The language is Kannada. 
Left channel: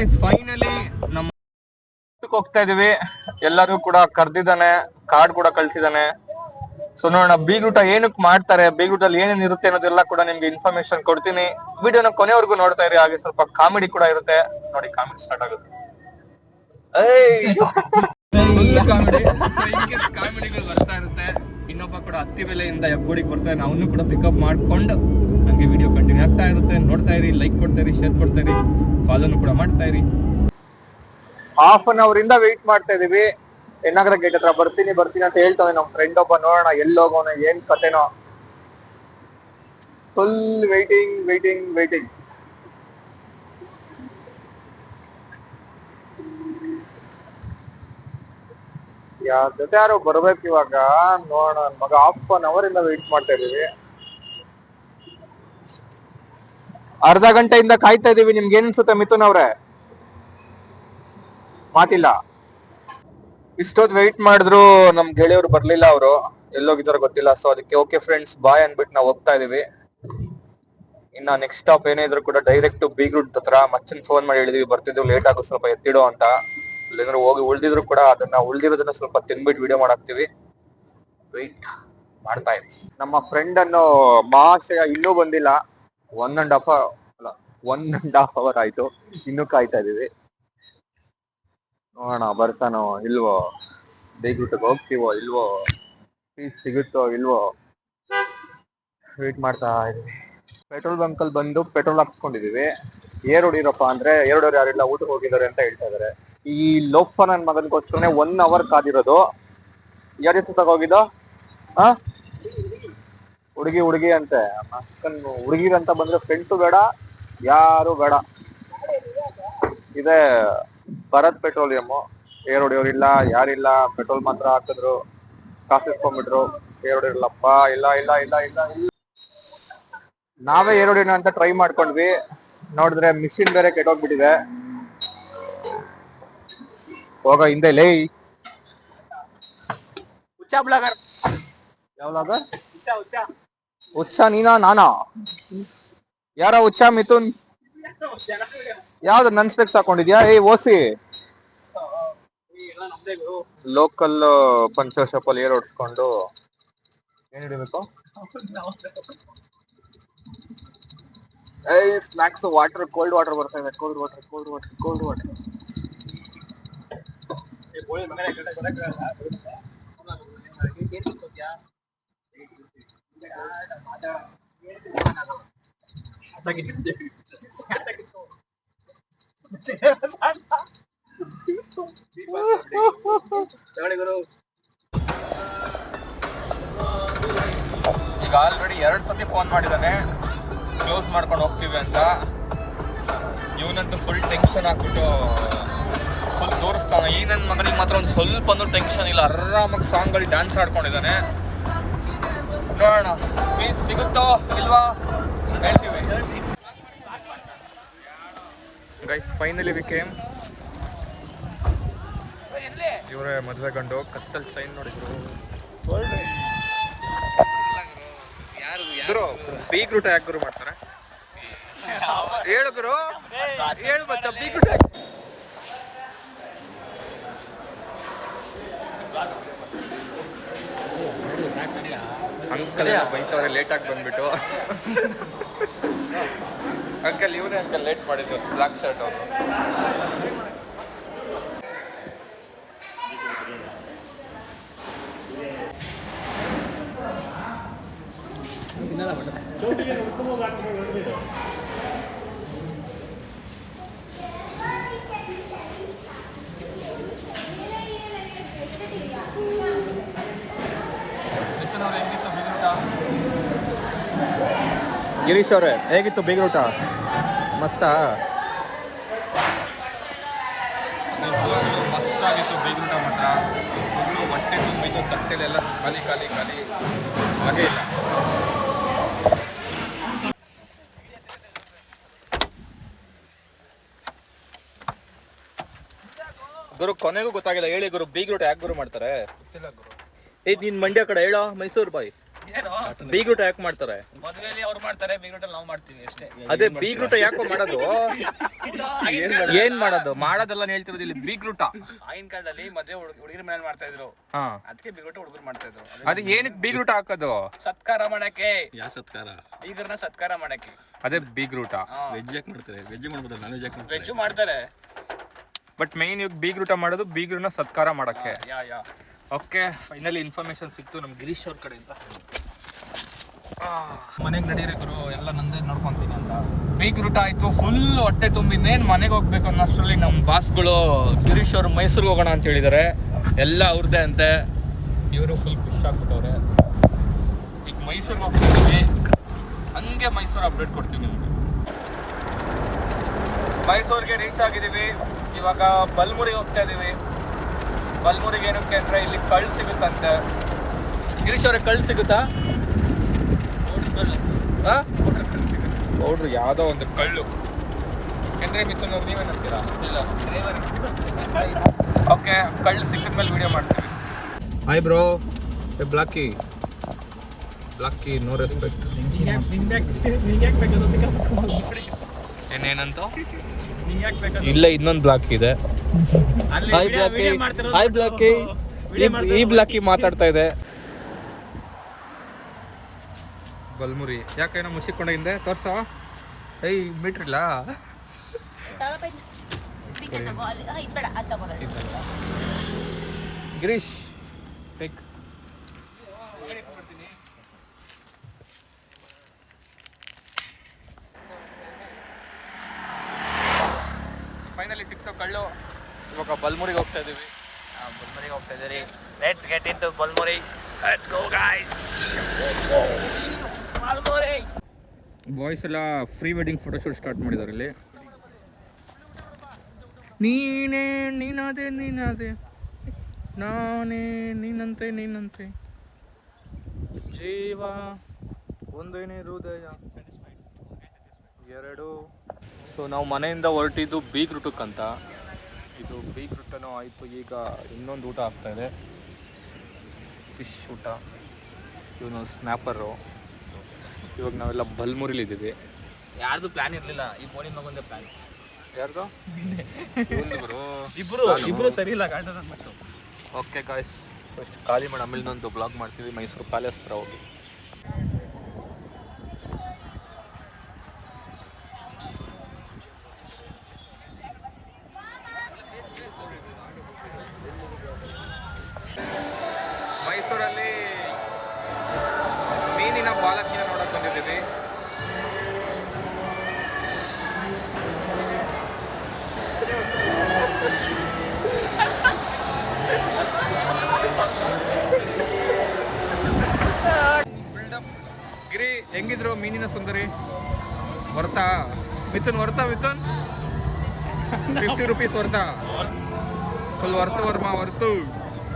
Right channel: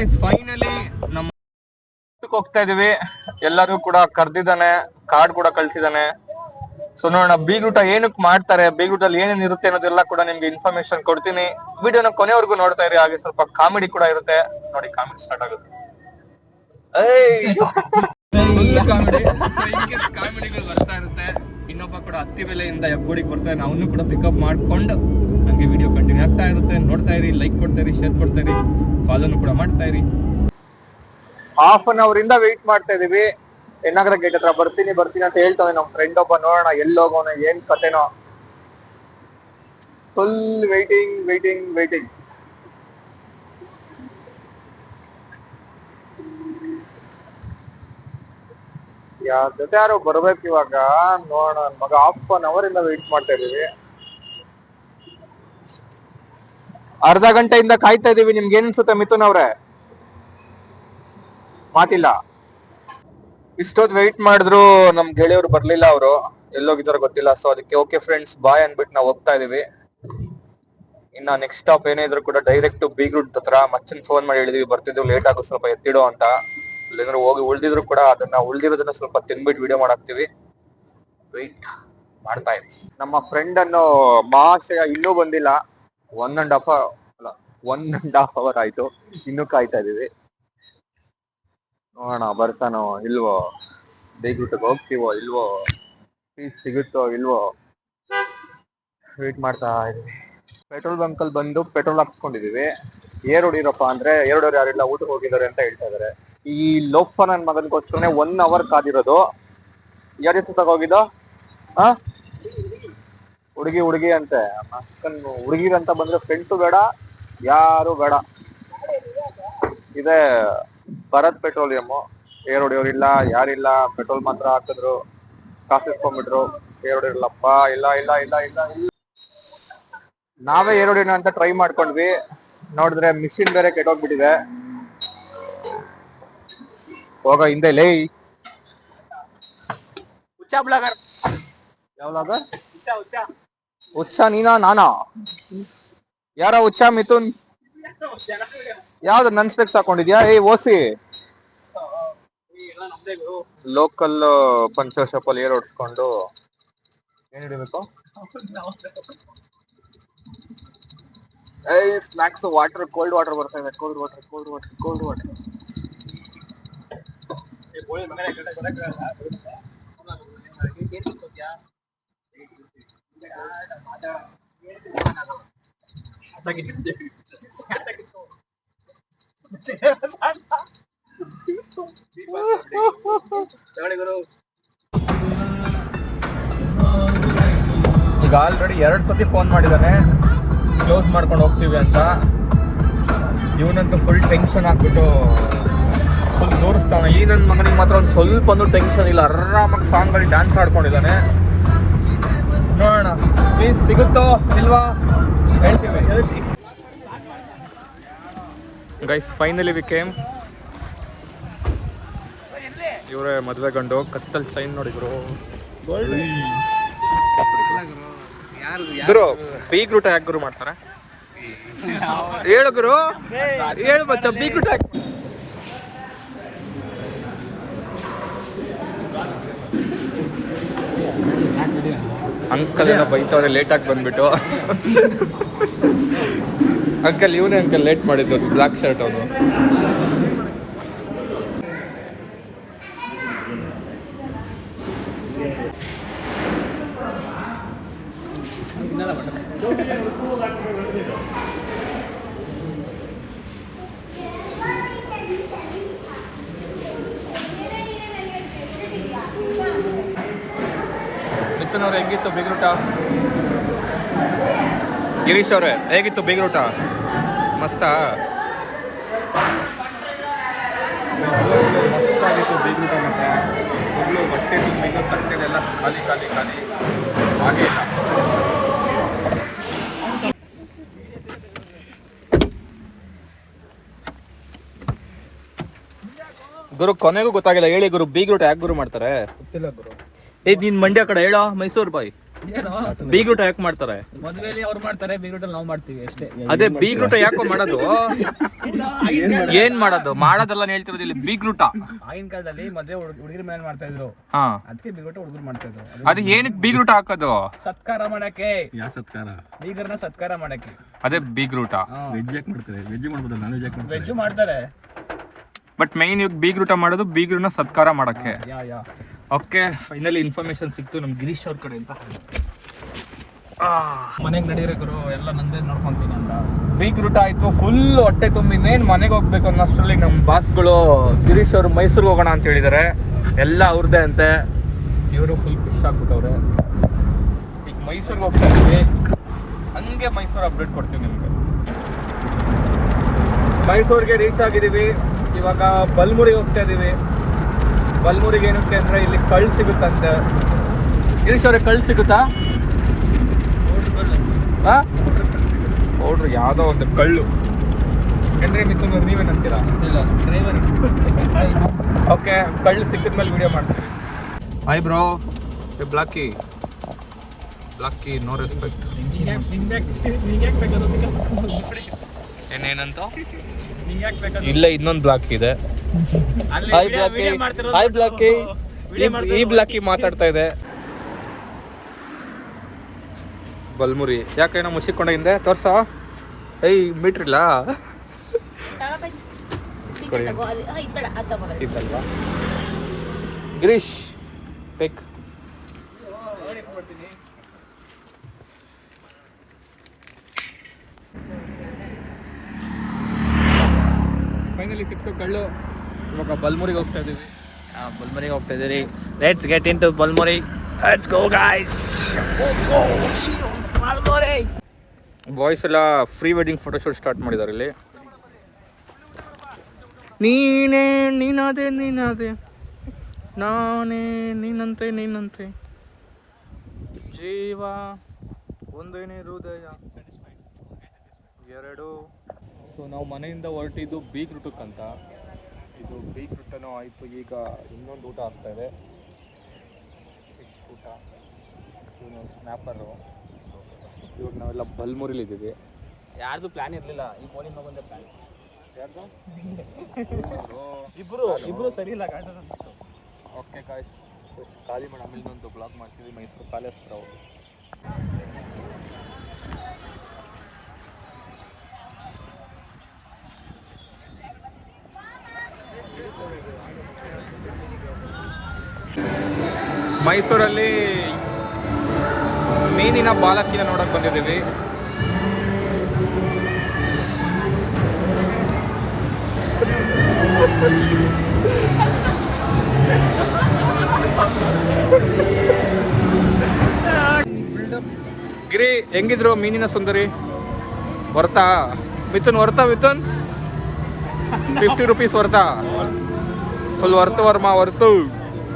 ಗೈಸ್ ಫೈನಲಿ ನಮ್ಮ ಹೋಗ್ತಾ ಇದೀವಿ. ಎಲ್ಲರೂ ಕೂಡ ಕರ್ದಿದ್ದಾನೆ, ಕಾರ್ಡ್ ಕೂಡ ಕಳ್ಸಿದಾನೆ. ಸೊ ನೋಡೋಣ ಬೀಗ್ರೂಟ ಏನಕ್ ಮಾಡ್ತಾರೆ, ಬೀಗ್ರೂಟಲ್ಲಿ ಏನೇನ್ ಇರುತ್ತೆ ಅನ್ನೋದೆಲ್ಲ ಕೂಡ ನಿಮ್ಗೆ ಇನ್ಫಾರ್ಮೇಶನ್ ಕೊಡ್ತೀನಿ. ವಿಡಿಯೋನ ಕೊನೆವರೆಗೂ ನೋಡ್ತಾ ಇರಿ. ಹಾಗೆ ಸ್ವಲ್ಪ ಕಾಮಿಡಿ ಕೂಡ ಇರುತ್ತೆ. ನೋಡಿ ಕಾಮಿಡಿ ಸ್ಟಾರ್ಟ್ ಆಗುತ್ತೆ. ಕಾಮಿಡಿಗಳು ಬರ್ತಾ ಇರುತ್ತೆ. ಇನ್ನೊಬ್ಬ ಕೂಡ ಹತ್ತಿ ಬೆಲೆಯಿಂದ ಹೆಬ್ಬುಡಿಗೆ ಬರ್ತಾನೆ, ಅವನು ಕೂಡ ಪಿಕಪ್ ಮಾಡ್ಕೊಂಡು ನಂಗೆ ವಿಡಿಯೋ ಕಂಟಿನ್ಯೂ ಆಗ್ತಾ ಇರುತ್ತೆ. ನೋಡ್ತಾ ಇರಿ, ಲೈಕ್ ಕೊಡ್ತಾ ಇರಿ, ಶೇರ್ ಕೊಡ್ತಾ ಇರಿ, ಫಾಲೋನು ಕೂಡ ಮಾಡ್ತಾ ಇರಿ. ಹಾಫ್ ಅನ್ ಅವರ್ ಇಂದ ವೆಯ್ಟ್ ಮಾಡ್ತಾ ಇದೀವಿ. ಎನ್ನಾಗರ ಗೇಟ್ ಹತ್ರ ಬರ್ತೀನಿ ಅಂತ ಹೇಳ್ತಾವೆ ನಮ್ ಫ್ರೆಂಡ್ ಒಬ್ಬ. ನೋಡೋಣ ಎಲ್ಲೋಗೋಣ, ಏನ್ ಕತೆನೋ. Full waiting. ಜೊತೆ ಯಾರು ಬರ್ಬೇಕು ಇವಾಗ. ನೋಡೋಣ ಮಗ, ಹಾಫ್ ಅನ್ ಅವರ್ ಇಂದ ವೆಯ್ಟ್ ಮಾಡ್ತಾ ಇದೀವಿ. ಅರ್ಧ ಗಂಟೆಯಿಂದ ಕಾಯ್ತಾ ಇದೀವಿ. ನಿಮ್ಗೆ ಏನ್ ಅನ್ಸುತ್ತೆ ಮಿಥುನ್ ಅವ್ರೆ? ಮಾತಿಲ್ಲ. ಇಷ್ಟೊತ್ತು ವೆಯ್ಟ್ ಮಾಡಿದ್ರು ನಮ್ ಗೆಳೆಯವರು ಬರ್ಲಿಲ್ಲ. ಅವರು ಎಲ್ಲೋಗಿದಾರೋ ಗೊತ್ತಿಲ್ಲ. ಸೊ ಅದಕ್ಕೆ ಓಕೆ ಫ್ರೆಂಡ್ಸ್ ಬಾಯ್ ಅನ್ಬಿಟ್ಟು ನಾವು ಹೋಗ್ತಾ ಇದೀವಿ. ಇನ್ನ ನೆಕ್ಸ್ಟ್ ಸ್ಟಾಪ್ ಏನೇ ಇದ್ರು ಕೂಡ ಡೈರೆಕ್ಟ್ ಬೀಗ್ರೂಟ್ ಹತ್ರ. ಮಚ್ಚನ್ ಫೋನ್ ಮಾಡಿ ಹೇಳಿದೀವಿ ಬರ್ತಿದ್ವಿ, ಲೇಟ್ ಆಗೋ ಸ್ವಲ್ಪ ಎತ್ತಿಡೋ ಅಂತ. ಇಲ್ಲಾಂದ್ರೆ ಹೋಗಿ ಉಳ್ದಿದ್ರು ಕೂಡ ಉಳ್ದಿರೋದನ್ನ ಸ್ವಲ್ಪ ತಿನ್ಬಿಟ್ಟು ವಿಡಿಯೋ ಮಾಡಾಕ್ತಿವಿ. ವೆಯ್ಟ್ ಮಾಡ್ತಾ ಇದ್ವಿ. ನಮ್ಮ ಫ್ರೆಂಡ್ ಅನ್ನೋ ಮಹಾಶಯ ಇನ್ನೂ ಬಂದಿಲ್ಲ. 1.5 ಅವರ್ ಆಯ್ತು, ಇನ್ನೂ ಕಾಯ್ತಾ ಇದೀವಿ. ನೋಡೋಣ ಬರ್ತಾನೋ ಇಲ್ವೋ, ಬೀಗ್ರೂಟ್ಗೆ ಹೋಗ್ತೀವೋ ಇಲ್ವೋ, ಫೀಸ್ ಸಿಗುತ್ತೋ ಇಲ್ವೋ, ವೇಟ್ ಮಾಡ್ತಾ ಇದೀವಿ. ಪೆಟ್ರೋಲ್ ಬಂಕಲ್ಲಿ ಬಂದು ಪೆಟ್ರೋಲ್ ಹಾಕ್ಸ್ಕೊಂಡಿದೀವಿ. ಏರ್ ಹೊಡಿರಪ್ಪ ಅಂದ್ರೆ ಏರ್ ಹೊಡಿಯೋರು ಯಾರಿಲ್ಲ, ಊಟಕ್ಕೆ ಹೋಗಿದ್ದಾರೆ ಅಂತ ಹೇಳ್ತಾ ಇದಾರೆ. ಈ ಲೋಫ ನನ್ ಮಗನ್ಗೋಸ್ಕರನೇ 1 ಅವರ್ ಕಾದಿರೋದು. ಯಾರ ಜೊತೆ ಹೋಗಿದ್ದೋ? ಹುಡುಗಿ ಅಂತೆ. ಹುಡುಗಿರಂತ ಬಂದ್ರೆ ಫ್ರೆಂಡ್ಸು ಬೇಡ, ಯಾರು ಬೇಡ. ಇದೆ ಭರತ್ ಪೆಟ್ರೋಲಿಯಂ. ಏರ್ ಹೊಡಿಯೋರಿಲ್ಲ, ಯಾರಿಲ್ಲ. ಪೆಟ್ರೋಲ್ ಮಾತ್ರ ಹಾಕಿದ್ರು, ಕಾಸು ಇಸ್ಕೊಂಡ್ಬಿಟ್ರು. ಏರ್ ಹೊಡಿಯೋರಿಲ್ಲಪ್ಪ, ಇಲ್ಲ. ನಾವೇ ಏರ್ ಹೊಡಿಯೋಣ ಅಂತ ಟ್ರೈ ಮಾಡ್ಕೊಂಡ್ವಿ. ನೋಡಿದ್ರೆ ಮಿಷಿನ್ ಬೇರೆ ಕೆಟ್ಟೋಗ್ಬಿಟ್ಟಿದೆ. ಹೋಗ ಹಿಂದೆ ಲೇ. ಹುಚ್ಚ ನೀನಾ ನಾನಾ? ಯಾರ ಹುಚ್ಚ? ಮಿಥುನ್ ಯಾವ್ದು ನನ್ ಸ್ಪೆಕ್ಸ್ ಹಾಕೊಂಡಿದ್ಯಾ? ಓಸಿ ಲೋಕಲ್ ಪಂಚರ್ ಶಾಪ್ ಅಲ್ಲಿ ಏರ್ ಹೊಡ್ಸ್ಕೊಂಡು ಏನ್ ಹಿಡಿಬೇಕು? ಸ್ನಾಕ್ಸ್, ವಾಟರ್, ಕೋಲ್ಡ್ ವಾಟರ್ ಬರ್ತಾ ಇದೆ. Cold water. ಈಗ ಆಲ್ರೆಡಿ 2 ಸತಿ ಫೋನ್ ಮಾಡಿದಾನೆ ಕ್ಲೋಸ್ ಮಾಡ್ಕೊಂಡು ಹೋಗ್ತೀವಿ ಅಂತ. ಇವನಂತೂ ಫುಲ್ ಟೆನ್ಷನ್ ಹಾಕ್ಬಿಟ್ಟು ಫುಲ್ ತೋರಿಸ್ತಾನೆ. ಈ ನನ್ನ ಮಗನಿಗೆ ಮಾತ್ರ ಒಂದು ಸ್ವಲ್ಪ ಟೆನ್ಷನ್ ಇಲ್ಲ, ಆರಾಮಾಗಿ ಸಾಂಗ್ಗಳಿಗೆ ಡ್ಯಾನ್ಸ್ ಆಡ್ಕೊಂಡಿದ್ದಾನೆ. ನೋಡೋಣ ಪ್ಲೀಸ್ ಸಿಗುತ್ತೋ ಇಲ್ವಾ ಹೇಳ್ತೀವಿ. Guys finally we came. ಇವರೇ ಮದುವೆ ಗಂಡು. ಕತ್ತಲ್ ಚೈನ್ ನೋಡಿದ್ರು. ಗುರು ಬೀಗ್ರೂಟ ಯಾಕೆ ಗುರು ಮಾಡ್ತಾರೆ? ಹೇಳು ಗುರು, ಹೇಳು ಮಚ್ಚ. ಬೀಗ್ರೂಟ ಅಂಕಲ್ ಎಲ್ಲ ಬೈತವ್ರೆ ಲೇಟಾಗಿ ಬಂದ್ಬಿಟ್ಟು. ಅಂಕಲ್ ಇವನೇ ಅಂಕಲ್ ಲೇಟ್ ಮಾಡಿದ್ದು, ಬ್ಲಾಕ್ ಶರ್ಟ್ ಅವನು. ಮಿಥುನ್ ಅವ್ರು ಹೆಂಗಿತ್ತು ಬೀಗ್ರೂಟ? ಗಿರೀಶ್ ಅವ್ರೆ ಹೇಗಿತ್ತು ಬೀಗ್ರೂಟ? ಮಸ್ತ ಮಸ್ತಾಗಿತ್ತು ಬೀಗ್ರೂಟ ಮಾತ್ರ. ಫುಲ್ಲು ಹೊಟ್ಟೆ ತುಂಬಿದ್ದು, ತಟ್ಟೆಲೆಲ್ಲ ಖಾಲಿ ಹಾಗೆ. ಗುರು ಕೊನೆಗೂ ಗೊತ್ತಾಗಿಲ್ಲ. ಹೇಳಿ ಗುರು, ಬೀಗ್ರೂಟ ಯಾಕೆ ಗುರು ಮಾಡ್ತಾರೆ? ಗೊತ್ತಿಲ್ಲ ಗುರು. ನೀನ್ ಮಂಡ್ಯ ಕಡೆ ಹೇಳೋ, ಮೈಸೂರು ಬಾಯ್. ಬೀಗ್ರೂಟ ಯಾಕೆ ಮಾಡ್ತಾರೆ? ಮದುವೆಯಲ್ಲಿ ಅವ್ರು ಮಾಡ್ತಾರೆ, ಬೀಗ್ರೂಟಲ್ಲಿ ನಾವು ಮಾಡ್ತೀವಿ ಅಷ್ಟೇ. ಅದೇ ಬೀಗ್ರೂಟ ಯಾಕೋ ಮಾಡೋದು? ಏನ್ ಮಾಡೋದು? ಮಾಡೋದಲ್ಲ ಹೇಳ್ತಿರೋದು ಇಲ್ಲಿ ಬೀಗ್ರೂಟ. ಆಗಿನ ಕಾಲದಲ್ಲಿ ಮದುವೆ ಹುಡುಗಿರ ಮೇಲೆ ಮಾಡ್ತಾ ಇದ್ರು, ಅದಕ್ಕೆ ಬೀಗ್ರೂಟ ಹುಡುಗರು ಮಾಡ್ತಾ ಇದ್ರು. ಅದು ಏನಕ್ಕೆ ಬೀಗ್ರೂಟ ಹಾಕೋದು? ಸತ್ಕಾರ ಮಾಡಕ್ಕೆ. ಯಾವ ಸತ್ಕಾರ? ಬೀಗರ್ನ ಸತ್ಕಾರ ಮಾಡಕ್ಕೆ. ಅದೇ ಬೀಗ್ರೂಟ. ವೆಜ್ ಯಾಕೆ ಮಾಡ್ತಾರೆ? ವೆಜ್ ಮಾಡ್ಬೋದು, ನಾನ್ ವೆಜ್ ಯಾಕೆ ಮಾಡ್ತಾರೆ? ವೆಜ್ಜು ಮಾಡ್ತಾರೆ, ಬಟ್ ಮೈನ್ ಇವಾಗ ಬೀಗ್ರೂಟ ಮಾಡೋದು ಬೀಗ್ರೂನ ಸತ್ಕಾರ ಮಾಡಕ್ಕೆ. ಓಕೆ, ಫೈನಲಿ ಇನ್ಫಾರ್ಮೇಶನ್ ಸಿಕ್ತು ನಮ್ ಗಿರೀಶ್ ಅವ್ರ ಕಡೆ ಅಂತ. ಮನೆಗೆ ನಡೀರಕರು ಎಲ್ಲ ನಂದೇ ನೋಡ್ಕೊಂತೀನಿ ಅಂತ. ಬೀಗ್ರೂಟ ಆಯ್ತು, ಫುಲ್ ಹೊಟ್ಟೆ ತುಂಬಿ ಇನ್ನೇನು ಮನೆಗೆ ಹೋಗ್ಬೇಕು ಅನ್ನೋಷ್ಟರಲ್ಲಿ ನಮ್ಮ ಬಾಸ್ಗಳು ಗಿರೀಶ್ ಅವರು ಮೈಸೂರಿಗೆ ಹೋಗೋಣ ಅಂತ ಹೇಳಿದ್ದಾರೆ. ಎಲ್ಲ ಅವ್ರದ್ದೇ ಅಂತೆ. ಇವರು ಫುಲ್ ಖುಷಿ ಆಗ್ಬಿಟ್ಟವ್ರೆ. ಈಗ ಮೈಸೂರಿಗೆ ಹೋಗ್ತಾ ಇದೀವಿ, ಹಂಗೆ ಮೈಸೂರು ಅಪ್ಡೇಟ್ ಕೊಡ್ತೀನಿ ನಿಮ್ಗೆ. ಮೈಸೂರಿಗೆ ರೀಚ್ ಆಗಿದ್ದೀವಿ. ಇವಾಗ ಬಲ್ಮುರಿಗೆ ಹೋಗ್ತಾ ಇದೀವಿ. ಬಲ್ಮುರಿಗೆ ಏನಕ್ಕೆ ಅಂದ್ರೆ ಇಲ್ಲಿ ಕಳ್ಳು ಸಿಗುತ್ತಂತೆ. ಗಿರೀಶ್ ಅವ್ರಿಗೆ ಕಳ್ಳು ಸಿಗುತ್ತಾ? ನೋಡ್ರಿ ಯಾವುದೋ ಒಂದು ಕಳ್ಳು. ಏನ್ರಿ ಮಿಥುನ್ ಅವ್ರು ನೀವೇನಂತೀರಾ? ಇಲ್ಲ, ಓಕೆ, ಕಳ್ಳು ಸಿಕ್ಕಿದ್ಮೇಲೆ ವಿಡಿಯೋ ಮಾಡ್ತೀವಿ. ಹಾಯ್ ಬ್ರೋ, ಬ್ಲಾಕಿ ನೋ ರೆಸ್ಪೆಕ್ಟ್. ಏನೇನಂತ ಇಲ್ಲ, ಇನ್ನೊಂದು ಬ್ಲಾಕ್ ಇದೆ. ಹಾಯ್ ಬ್ಲಾಕಿ, ಈ ಬ್ಲಾಕಿ ಮಾತಾಡ್ತಾ ಇದೆ. ಬಲ್ಮುರಿ ಯಾಕೇನೋ ಮುಚ್ಚಿಕೊಂಡ ಹಿಂದೆ ತೋರ್ಸ. ಮೀಟ್ರ್ ಇಲ್ಲ ಇದ್ದಲ್ವಾ? ಗಿರೀಶ್ ಟೇಕ್. ಫೈನಲಿ ಸಿಕ್ತು ಕಳ್ಳು. ಇವಾಗ ಬಲ್ಮುರಿಗೆ ಹೋಗ್ತಾ ಇದೀವಿ. ಬಲ್ಮುರಿಗೆ ಹೋಗ್ತಾ ಇದೀರಿ. Let's get in to Balmuri. Let's go guys. Boys ಎಲ್ಲ ಫ್ರೀ ವೆಡ್ಡಿಂಗ್ ಫೋಟೋಶೂಟ್ ಸ್ಟಾರ್ಟ್ ಮಾಡಿದ್ದಾರೆ ಇಲ್ಲಿ. ನೀನಾದೆ ನಾನೇ ನೀನಂತೆ ಜೀವ ಒಂದೇನೇ ಹೃದಯ ಎರಡು. ಸೊ ನಾವು ಮನೆಯಿಂದ ಹೊರಟಿದ್ದು ಬೀಗ್ರೂಟಕ್ಕಂತ. ಇದು ಬೀಗ್ರೂಟನೂ ಆಯಿತು. ಈಗ ಇನ್ನೊಂದು ಊಟ ಆಗ್ತಾ ಇದೆ, ಫಿಶ್ ಊಟ. ಇವನು ಸ್ನ್ಯಾಪರು. ಇವಾಗ ನಾವೆಲ್ಲ ಬಲ್ಮುರಿಲಿದ್ದೀವಿ. ಯಾರ್ದು ಪ್ಲಾನ್ ಇರಲಿಲ್ಲ, ಈ ಫೋನಿನ ಮಗಂದೇ ಪ್ಲಾನ್. ಯಾರ್ದು? ಇಬ್ರು ಸರಿ ಇಲ್ಲ ಗಾಡಿ. ಓಕೆ ಗಾಯ್ಸ್, ಫಸ್ಟ್ ಖಾಲಿ ಮಾಡಿ ಆಮೇಲೆ ಒಂದು ಬ್ಲಾಗ್ ಮಾಡ್ತೀವಿ ಮೈಸೂರು ಪ್ಯಾಲೇಸ್ ಹತ್ರ ಹೋಗಿ. ಮೈಸೂರಲ್ಲಿ ಮೀನಿನ ಬಾಲಕಿನ ನೋಡಕ್ ಬಂದಿದ್ದೀವಿ. ಗಿರಿ ಹೆಂಗಿದ್ರು ಮೀನಿನ ಸುಂದರಿ? ವರ್ತಾ ಮಿಥುನ್? 50 ರೂಪೀಸ್ ವರ್ತಾ? ಫುಲ್ ವರ್ತು ವರ್ಮ ವರ್ತು.